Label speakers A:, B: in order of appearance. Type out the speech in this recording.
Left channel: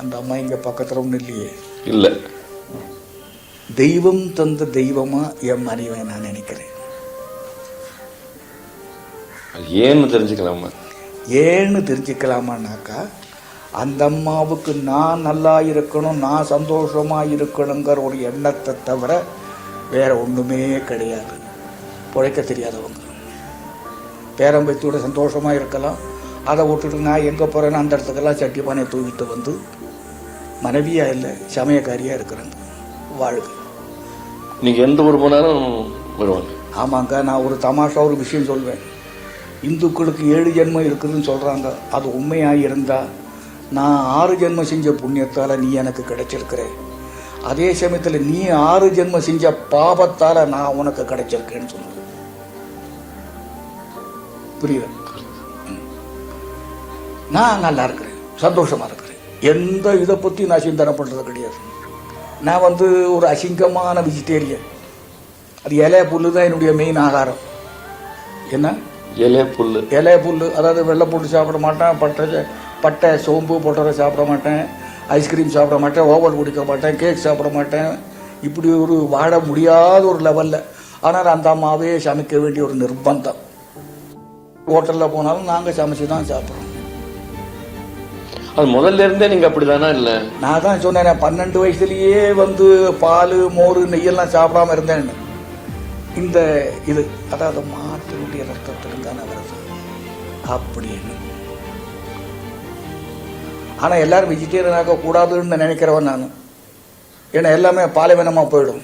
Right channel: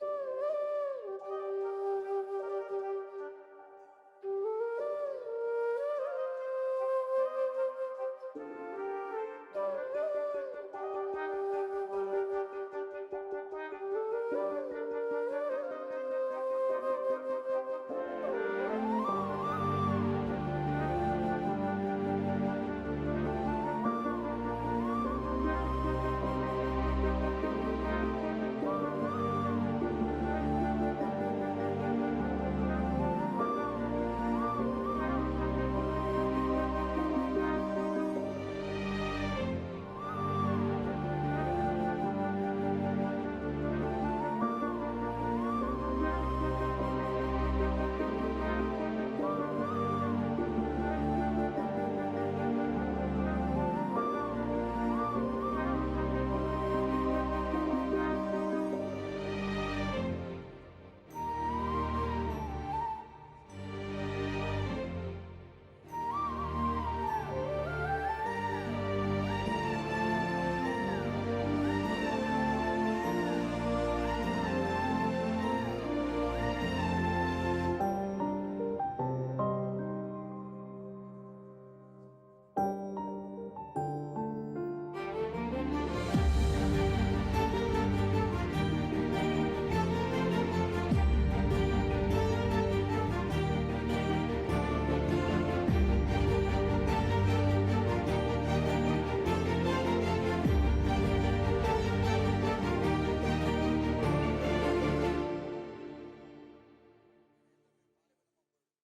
A: அந்த அம்மா இங்கே பக்கத்தில் ஒன்றும் இல்லையே.
B: இல்லை.
A: தெய்வம் தந்த தெய்வமா என் மனைவை நான் நினைக்கிறேன்.
B: ஏன்னு தெரிஞ்சுக்கலாமா?
A: ஏன்னு தெரிஞ்சுக்கலாமான்னாக்கா அந்த அம்மாவுக்கு நான் நல்லா இருக்கணும் நான் சந்தோஷமா இருக்கணுங்கிற ஒரு எண்ணத்தை தவிர வேற ஒண்ணுமே கிடையாது. பிழைக்க தெரியாதவங்க. பேரம்பைத்தோட சந்தோஷமா இருக்கலாம் அதை விட்டுட்டு நான் எங்கே போறேன்னு அந்த இடத்துக்கெல்லாம் சட்டி பானையை தூக்கிட்டு வந்து மனைவியா இல்லை சமயக்காரியா இருக்கிறாங்க. வாழ்க
B: நீங்க எந்த ஊர் போனாலும் வருவாங்க.
A: ஆமாங்க நான் ஒரு தமாஷா ஒரு விஷயம் சொல்வேன். இந்துக்களுக்கு ஏழு ஜென்மம் இருக்குதுன்னு சொல்றாங்க. அது உண்மையா இருந்தா நான் ஆறு ஜென்மம் செஞ்ச புண்ணியத்தால நீ எனக்கு கிடைச்சிருக்கிற. அதே சமயத்துல நீ ஆறு ஜென்மம் செஞ்ச பாவத்தால நான் உனக்கு கிடைச்சிருக்கேன்னு சொல்லுவேன் புரியுது? நான் நல்லா இருக்கிறேன். சந்தோஷமா இருக்கிறேன். எந்த இதை பத்தி நான் சிந்தனை பண்றது கிடையாது. நான் வந்து ஒரு அசிங்கமான வெஜிடேரியன் அது இலை புல்லு தான் என்னுடைய மெயின் ஆகாரம். என்ன?
B: இலைய புல்லு.
A: இலை புல்லு அதாவது வெள்ளை போட்டு சாப்பிட மாட்டேன் பட்டை பட்டை சோம்பு போட்டரை சாப்பிட மாட்டேன் ஐஸ்கிரீம் சாப்பிட மாட்டேன் ஓவல் குடிக்க மாட்டேன் கேக் சாப்பிட மாட்டேன். இப்படி ஒரு வாழ முடியாத ஒரு லெவலில் ஆனால் அந்த அம்மாவே சமைக்க வேண்டிய ஒரு நிர்பந்தம். ஹோட்டலில் போனாலும் நாங்கள் சமைச்சு தான் சாப்பிட்றோம்.
B: அது முதல்ல இருந்தே நீங்க அப்படிதானா இல்ல?
A: நான் தான் சொன்னேன் பன்னெண்டு வயசுலயே வந்து பால் மோர் நெய்யெல்லாம் சாப்பிடாம இருந்தேன். இந்த இது அதாவது மாட்டினுடைய ரத்தத்தில் தானே வருது. அப்படின்னு ஆனால் எல்லாரும் வெஜிடேரியன் ஆக கூடாதுன்னு நினைக்கிறவன் நான். ஏன்னா எல்லாமே பாலைவனமாக போயிடும்.